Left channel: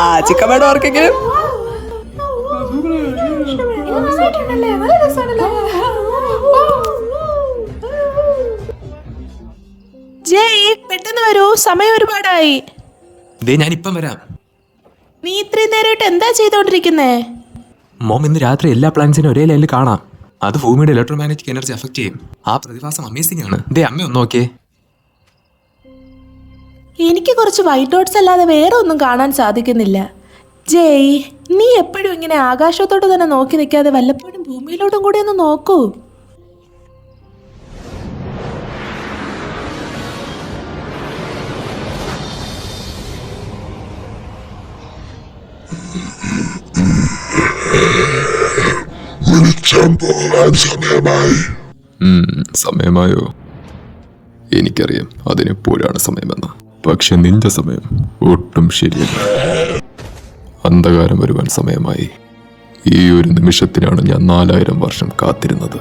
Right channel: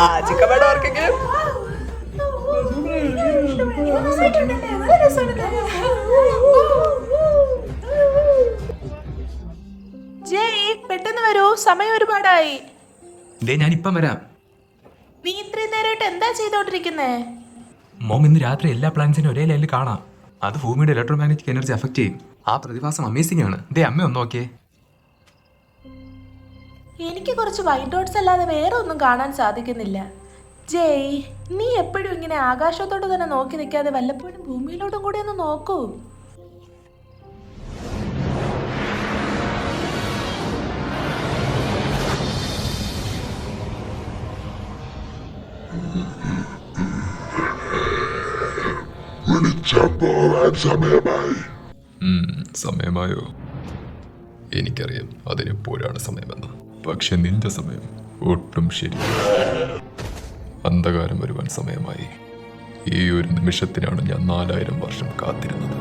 ആ ചിക്കൻ വേണോ ആർക്കെങ്കിലും? ജയ് പെട്ടെന്ന് വരൂ, സമയം ഒരുപാടായി. ഞാനിപ്പം വരാം. നീ ഇത്രയും നേരമായിട്ട് എന്താ ചെയ്തോണ്ടിരിക്കുന്നേ? മോം, ഇന്ന് രാത്രി എല്ലാ പ്ലാനറ്റ്സിനും ഒരേ ലൈനിൽ കാണാം. അത് ഭൂമിയുടെ ഇലക്ട്രോമാഗ്നറ്റിക് എനർജി അഫക്ട് ചെയ്യും. ആ പ്രതിഭാസം അമേസിംഗ് ആണ്. അമ്മ ഒന്ന് നോക്കിയേ. എനിക്ക് കുറച്ച് വൈറ്റ് ഡോട്ട്സ് അല്ലാതെ വേറെ ഒന്നും കാണാൻ സാധിക്കുന്നില്ല. ജയ്, നീ എപ്പോഴും ഇങ്ങനെ ആകാശത്തോട്ട് തന്നെ നോക്കി നിൽക്കാതെ വല്ലപ്പോഴും ഭൂമിയിലോട്ടും കൂടി ഒന്ന് നോക്കൂ. സമയമായോ? എനിക്കറിയാം അതിനെപ്പോഴാണ് സമയമെന്ന്. പക്ഷെ നിന്റെ സമയം ഒട്ടും ശരിയല്ല. അന്ധകാരം വരുവാൻ സമയമായി. ഈ ഒരു നിമിഷത്തിനാണ് ഞാൻ 4000 വർഷം കാത്തിരുന്നത്.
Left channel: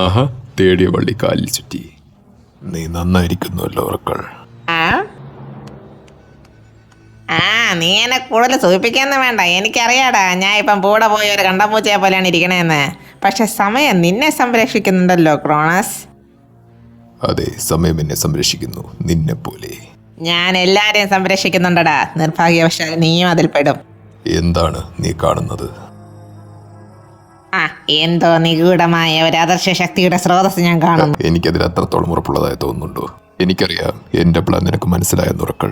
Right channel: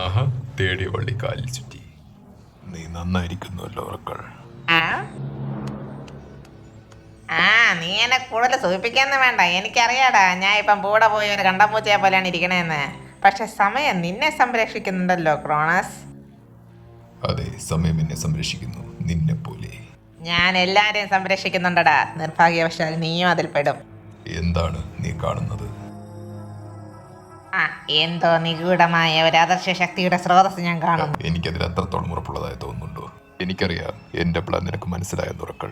ആഹാ, തേടിയ വള്ളി കാലിൽ ചുറ്റി. നീ നന്നായിരിക്കുന്നുവല്ലോ ഉറക്കൾ. നീ എന്നെ കൂടുതൽ സൂചിപ്പിക്കാന്ന് വേണ്ട. എനിക്കറിയാടാ, ഞാൻ ഇപ്പം കൂടെ പോയി ഒരു കണ്ടമ്പൂച്ചയെ പോലെയാണ് ഇരിക്കണേന്ന്. പക്ഷെ സമയം നിന്നെ സംരക്ഷിക്കുന്നുണ്ടല്ലോ ക്രോണസ്. അതെ, സമയം എന്നെ സംരക്ഷിക്കുന്നു, നിന്നെ പോലെ. ഞാൻ എല്ലാരെയും സംരക്ഷിക്കുന്നുണ്ടടാ. നിർഭാഗ്യവശാൽ നീയും അതിൽ പെടും. എന്താണ് നീ കാണുന്നത്? എന്തോ നിഗൂഢമായ ഒരു അദർശ ശക്തിയുടെ സ്രോതസ് ഞാൻ കാണുന്നു. എനിക്കതിൽ അത്രത്തോളം ഉറപ്പുള്ളതായി തോന്നുന്നുണ്ടോ? എനിക്കറിയാം എന്റെ പ്ലാൻ നിനക്ക് മനസ്സിലായെന്ന് ഉറക്കൾ.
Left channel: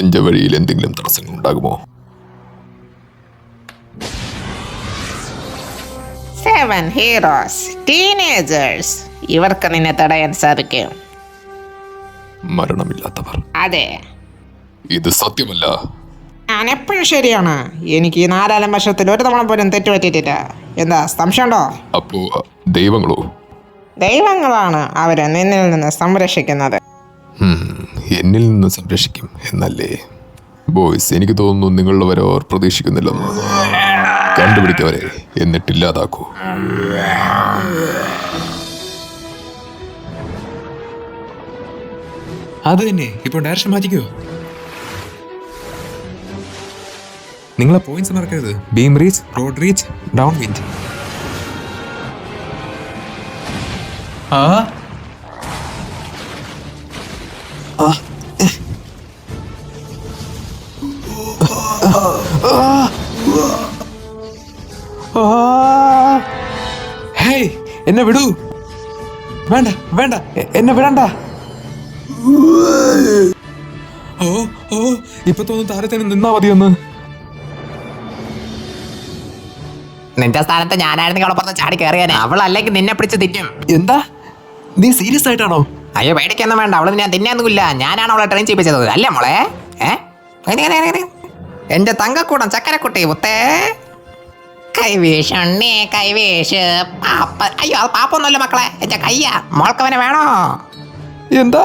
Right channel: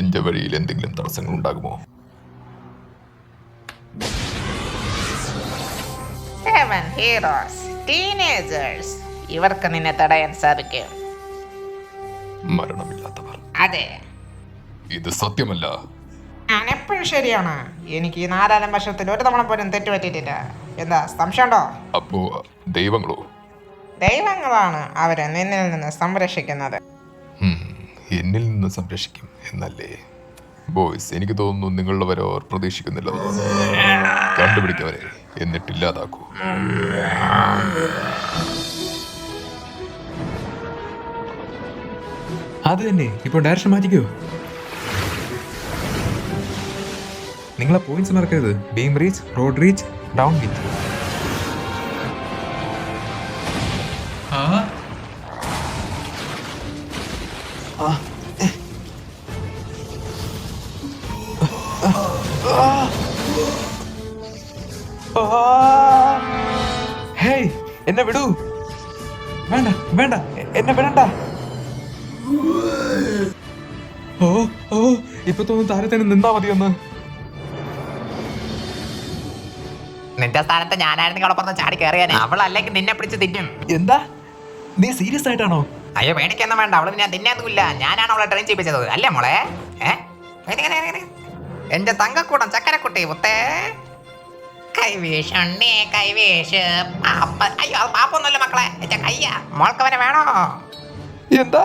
എന്റെ വഴിയിൽ എന്തെങ്കിലും തടസ്സങ്ങൾ ഉണ്ടാകുമോ? 7 ഹീറോസ്, ടീനേജേഴ്സ്. ഇവർക്ക് നിന്നെ തടയാൻ സാധിക്കും. മരണമില്ലാത്തവർ. അതെ, ഇത് സത്യമല്ല. ഞാൻ എപ്പോഴും ശരിയാണ്. എനിക്ക് ഈ 4 വർഷത്തിൽ ഒരു തവണ പോലും തെറ്റുപറ്റിയിട്ടില്ല. എന്താ സംശയമുണ്ടോ? അപ്പോ ദൈവങ്ങളോ? ദൈവങ്ങളാണ് അവരെ നിന്നിൽ നിന്ന് സംരക്ഷിക്കുന്നത്. എന്നിൽ നിന്ന് സംരക്ഷിക്കും എന്നല്ലേ? ബോയ്സ്, എനിക്ക് തോന്നുന്നു നിങ്ങളുള്ളവരെ അവർ പ്രതീക്ഷിക്കുന്നില്ലെന്ന്. കണ്ടുപിടിക്കവരെ, എന്നിട്ടില്ലാതാക്കൂ. അത് തന്നെ. ഇപ്പോൾ ഡയറക്ഷൻ മാറ്റിക്കോ. നിങ്ങളെ പോയിന്റ്സ് മറക്കരുത്. Beam reach, road reach, down wind. Hey, എന്നെ വിടൂ. വേണ്ട വേണ്ട, എന്നെ വിടണ്ട. ഇപ്പൊ തോന്നുന്നു താരത്തേന് നിന്നാ മതിയൊന്ന്. നിന്റെ സ്ഥാനത്ത് ഞാനായിരുന്നു അവളപ്പുറത്ത് ചാടി കയറിയാൻ. അവൾ അല്ലെങ്കിൽ നിന്നെ പിടിച്ച് തിന്നും. എന്താ, നീ സീരിയസ് ആയിട്ടാണോ? അയ്യോ, പേടിക്കൊന്നും വേണ്ട. അവള് ഞാൻ തിന്നാന്നുമില്ല. ഞാനാണ് അവളെ ട്രെയിൻ ചെയ്യിപ്പിച്ചത്, അല്ലേ മോളെ? എന്റെ തങ്കക്കൂടം ചക്കരക്കുട്ടി മുത്തേ. കൈവീഷണ്ണേ കൈവീഷ്. അയ്യോ, അത് പാപ്പൊന്നുമല്ല മക്കളെ, എന്റെ കയ്യാ. മോൾക്കവനെ വേണോ? എന്താ?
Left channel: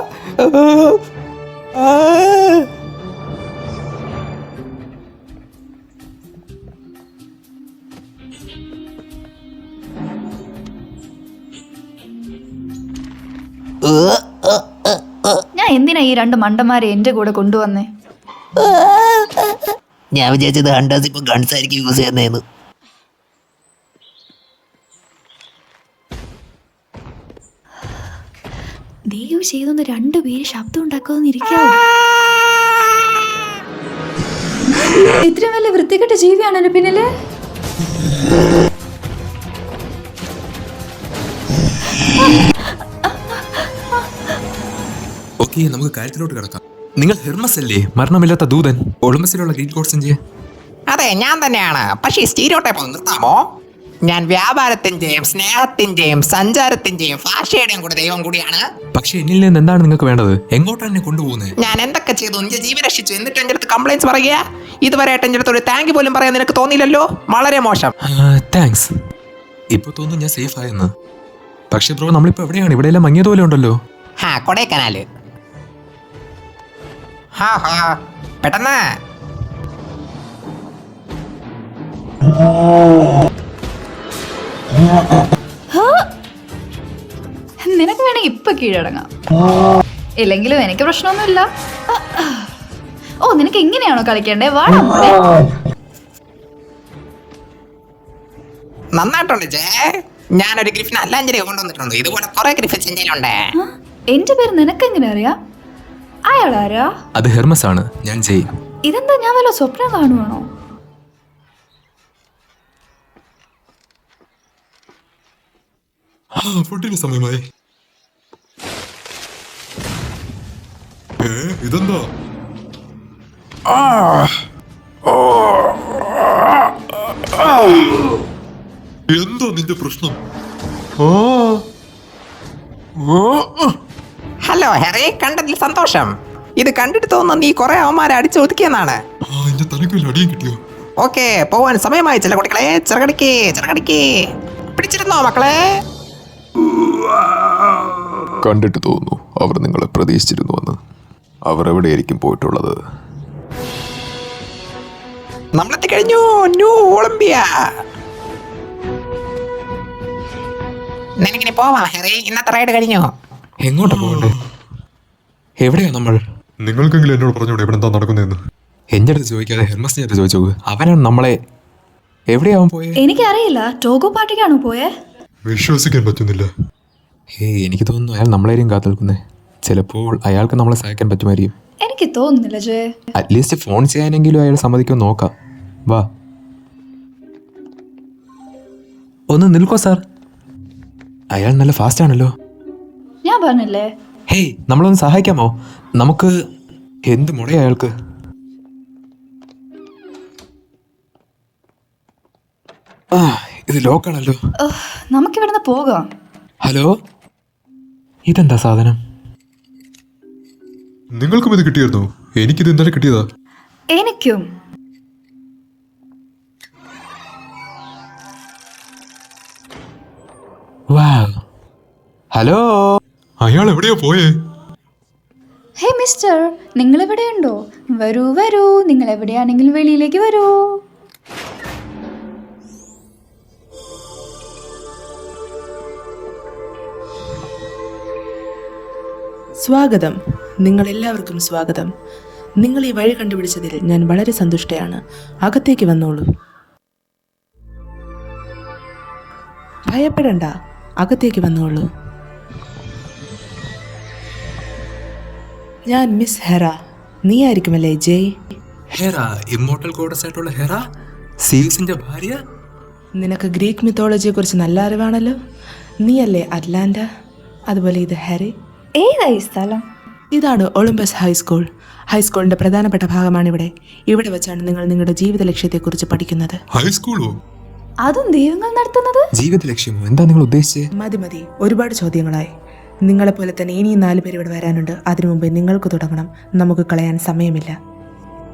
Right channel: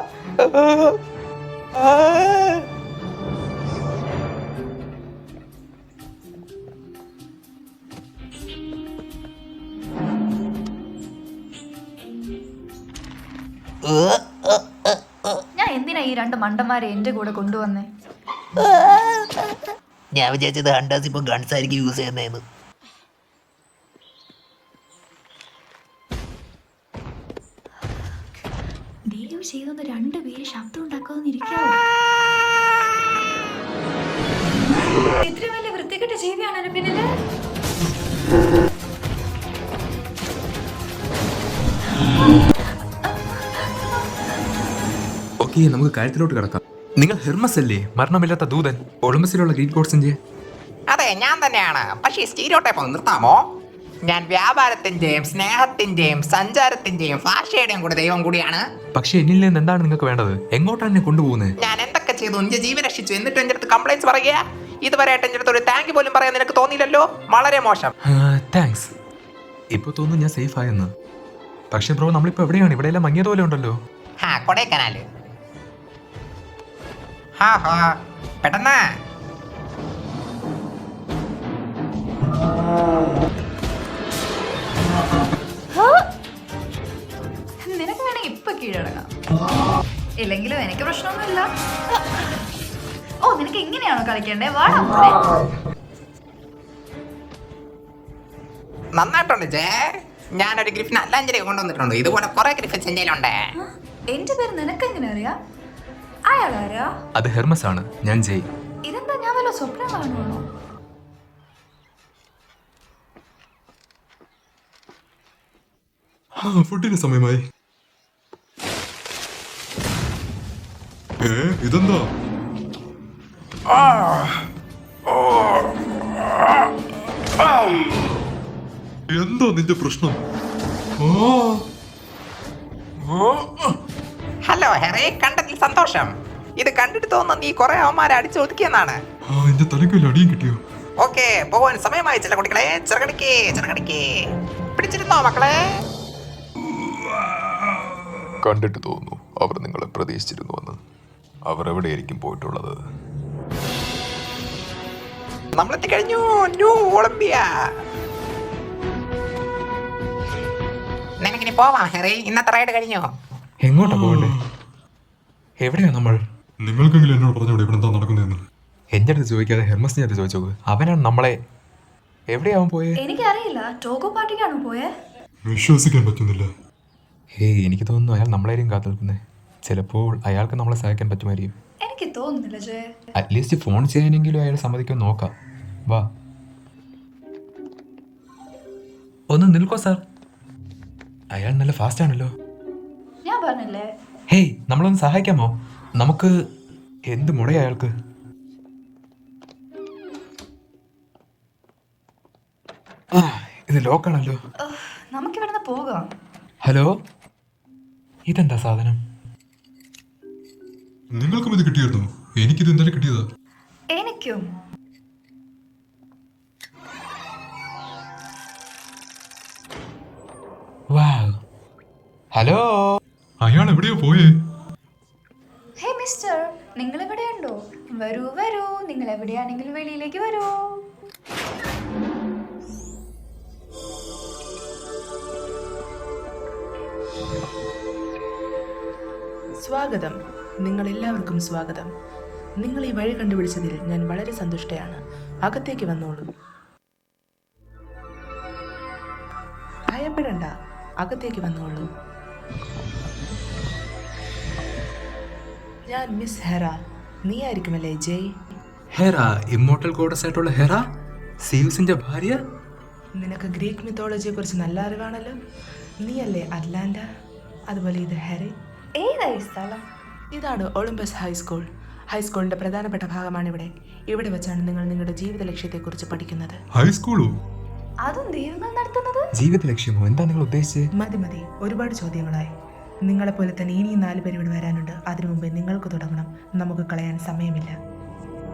ഞാൻ എന്തിനാ ഈ 2 മണ്ടന്മാരെ എന്റെ കൂടെ കൊണ്ടുവന്നേ? ഞാൻ വിചാരിച്ചത് ഹണ്ടേഴ്സ് ഇപ്പൊ ഗൺസ് ആയിരിക്കും യൂസ് ചെയ്യുന്നതെന്ന്. ദയവ് ചെയ്തൊന്ന് 2 പേര് ശബ്ദം ഉണ്ടാക്കാതിരിക്കാവോ? ഇത്ര വലിയ വൃത്തികെട്ട ജീവിയാണല്ലോ പിന്നില്. ഓക്കെ, നമുക്ക് കാര്യത്തിലോട്ട് കിടക്കാം. നിങ്ങൾ ഹെർമസ് അല്ലേ, മരണമില്ലാത്ത ദൂതൻ, ഒളിമ്പസിലുള്ള ഗ്രീക്ക് ഗോഡ്സിന്റെ? അതെ, ഞാൻ തന്നെയാണ്. പക്ഷേ സ്റ്റീരിയോടൈപ്പ് ഒന്ന് നിർത്താമോ? ഞാൻ വ്യാപാരത്തിന്റെയും സ്നേഹത്തിന്റെയും സഞ്ചാരത്തിന്റെയും ഭാഷയുടെയും കൂടെ ദൈവം കൂടിയാണ്. പക്ഷെ എന്നിൽ നിന്ന് എന്താണ് നിങ്ങൾക്ക് വേണ്ടത്? എങ്ങോട്ടാണ് എന്നെ കൊണ്ടുപോകുന്നത്? ഞാൻ എന്തൊക്കെ ചെയ്തു? എന്റെ ജീവൻ രക്ഷിച്ചു, എന്നിട്ട് എന്റെ അടുത്ത് കംപ്ലൈന്റ്സ് പറയുക? ഇതുവരെയായിട്ട് എൻ്റെ അടുത്ത് ഒരു താങ്ക് പോലും പറയാൻ നിനക്ക് തോന്നിയില്ലല്ലോ. വളരെ മോശം. താങ്ക്സ്. ഇപ്പൊ തോന്നുന്നു ഞാൻ സേഫ് ആയെന്ന്. പക്ഷെ ബ്രോ നമ്മളിപ്പോ എവിടെയാണ്? ഇവിടെയെല്ലാം മങ്ങിയതുപോലെ ഉണ്ടല്ലോ. കൊടൈക്കനാല്. പെട്ടെന്ന്. നിനക്ക് വേണമെങ്കിൽ ഇപ്പൊ കീഴടങ്ങാം, ഇല്ലെങ്കിലും എനിക്ക് പ്രശ്നമൊന്നുമില്ല. ഓ, നിനക്ക് എങ്ങനെയാണോ കളിക്കണ്ടേ? വാടാ. നന്നായിട്ടുണ്ട് ജേ. ഞാനൊരു ഗ്രിഫിൻ അല്ലാഞ്ചേരി കൊണ്ടുവന്നിട്ടുണ്ട്. ഇതുപോലെ കുറെ ഗ്രിഫിൻസ് എൻ്റെ കയ്യിലുണ്ട്. എന്റെ പേര് നിനക്ക് എങ്ങനെ അറിയാം? അയാളാരാ? അത് ഹെർമസ് ആണ്. ഞാൻ ജയ്. ഇതെന്താ, ഞാൻ വല്ല സ്വപ്നം കാണുവാണോ? ഫുഡിന് സമയമായി. ഇതെന്താ? എന്താ നിന്റെ പ്രശ്നം? ഹലോ ഹെറി, കണ്ടതിൽ സന്തോഷം. ഇത് കണ്ടിട്ട് തോന്നുന്നു നീ കുറെ അവന്മാരെ അടിച്ചു ഒതുക്കിയെന്നാണ്. എന്റെ തലയ്ക്ക് വല്ല അടിയും കിട്ടിയോ? ഓക്കെ, പോവാൻ സമയമായി. ചില കുട്ടികളെ ചിറകടിക്ക് പിടിച്ചിരുന്നോ മക്കളെ? കണ്ടിട്ട് തോന്നുന്നു അവർ നിങ്ങളെ പ്രതീക്ഷിച്ചിരുന്നുവെന്ന്. അവർ എവിടെയായിരിക്കും പോയിട്ടുള്ളത്? നമ്മളെത്തിക്കഴിഞ്ഞു. New Olympia. നിനക്കിനി പോവാം ഹെറി, ഇന്നത്തെ റൈഡ് കഴിഞ്ഞു. എങ്ങോട്ടാ പോകണ്ടേ? എവിടെയാ നമ്മൾ? നിങ്ങൾക്കെങ്കിലും എന്നോട് പറഞ്ഞോടെ ഇവിടെ എന്താ നടക്കുന്നതെന്ന്. എന്റെ അടുത്ത് ചോദിക്കാതെ ഹെർമസിന്റെ അടുത്ത് ചോദിച്ചു. അവനാണ് നമ്മളെ. എവിടെയാവൻ പോയേ? എനിക്കറിയില്ല. ടോഗോ പാർട്ടിക്കാണോ പോയേ? വിശ്വസിക്കാൻ പറ്റുന്നില്ല. എനിക്ക് തോന്നുന്നു അയാൾ നമ്മളെയും കാത്തു നിൽക്കുന്നേ. ചിലപ്പോൾ അയാൾക്ക് നമ്മളെ സഹായിക്കാൻ പറ്റുമായിരിക്കും. എനിക്ക് തോന്നുന്നില്ല ജെ. അറ്റ്ലീസ്റ്റ് ഫോൺ ചെയ്യാനെങ്കിലും അയാൾ സമ്മതിക്കുമെന്ന് നോക്കാം. വാ, ഒന്ന് നിൽക്കോ സാർ. അയാൾ നല്ല ഫാസ്റ്റ് ആണല്ലോ. ഞാൻ പറഞ്ഞില്ലേ. ഹേയ്, നമ്മളൊന്ന് സഹായിക്കാമോ? നമുക്ക് എന്ത് മുടയാ അയാൾക്ക്? ഇത് ലോക്കാണല്ലോ. നമുക്കിവിടുന്ന് പോകാം. ഹലോ, ഇതെന്താ സാധനം? നിങ്ങൾക്കും ഇത് കിട്ടിയിരുന്നോ? എനിക്കിത് ഇന്നലെ കിട്ടിയതാ. എനിക്കും. ഹലോ, അയാൾ എവിടെയാ പോയേ? ഹേ മിസ്റ്റർ, നിങ്ങൾ എവിടെയുണ്ടോ? വരൂ വരൂ, നിങ്ങൾ എവിടെയാണെങ്കിലും വെളിയിലേക്ക് വരൂ. സ്വാഗതം. നിങ്ങളെല്ലാവർക്കും സ്വാഗതം. നിങ്ങൾ ഈ വഴി കണ്ടുപിടിച്ചതിൽ ഞാൻ വളരെ സന്തുഷ്ടയാണ്. അകത്തേക്ക് വന്നോളൂ. ഭയപ്പെടണ്ട, അകത്തേക്ക് വന്നോളൂ. ഞാൻ മിസ് ഹെറ. നീ ആയിരിക്കുമല്ലേ ജയ്? ഹെറ, ഇമ്മോർട്ടൽ ഗോഡസ് ആയിട്ടുള്ള ഹെറ, സീയൂസിന്റെ ഭാര്യ. നിനക്ക് ഗ്രീക്ക് മിത്തോളജിയെ കുറിച്ച് നല്ല അറിവാണല്ലോ. നീയല്ലേ അറ്റ്ലാന്റ? അതുപോലെ ഇത് ഹാരി. ഏതായി സ്ഥലം? ഇതാണ് ഒളിമ്പസ് ഹൈസ്കൂൾ. ഹൈസ്കൂളിന്റെ പ്രധാനപ്പെട്ട ഭാഗമാണിവിടെ. ഇവിടെ വെച്ചാണ് നിങ്ങൾ നിങ്ങളുടെ ജീവിത ലക്ഷ്യത്തെക്കുറിച്ച് പഠിക്കുന്നത്. ഹൈസ്കൂളോ? അതും ദൈവങ്ങൾ നടത്തുന്നത്? ജീവിത ലക്ഷ്യമോ? എന്താ നിങ്ങൾ ഉദ്ദേശിച്ചത്? മതി, ഒരുപാട് ചോദ്യങ്ങളായി. നിങ്ങളെപ്പോലെ തന്നെ ഇനിയും 4 പേര് ഇവിടെ വരാനുണ്ട്. അതിനു മുമ്പേ നിങ്ങൾക്ക് തുടങ്ങണം. നമുക്ക് കളയാൻ സമയമില്ല.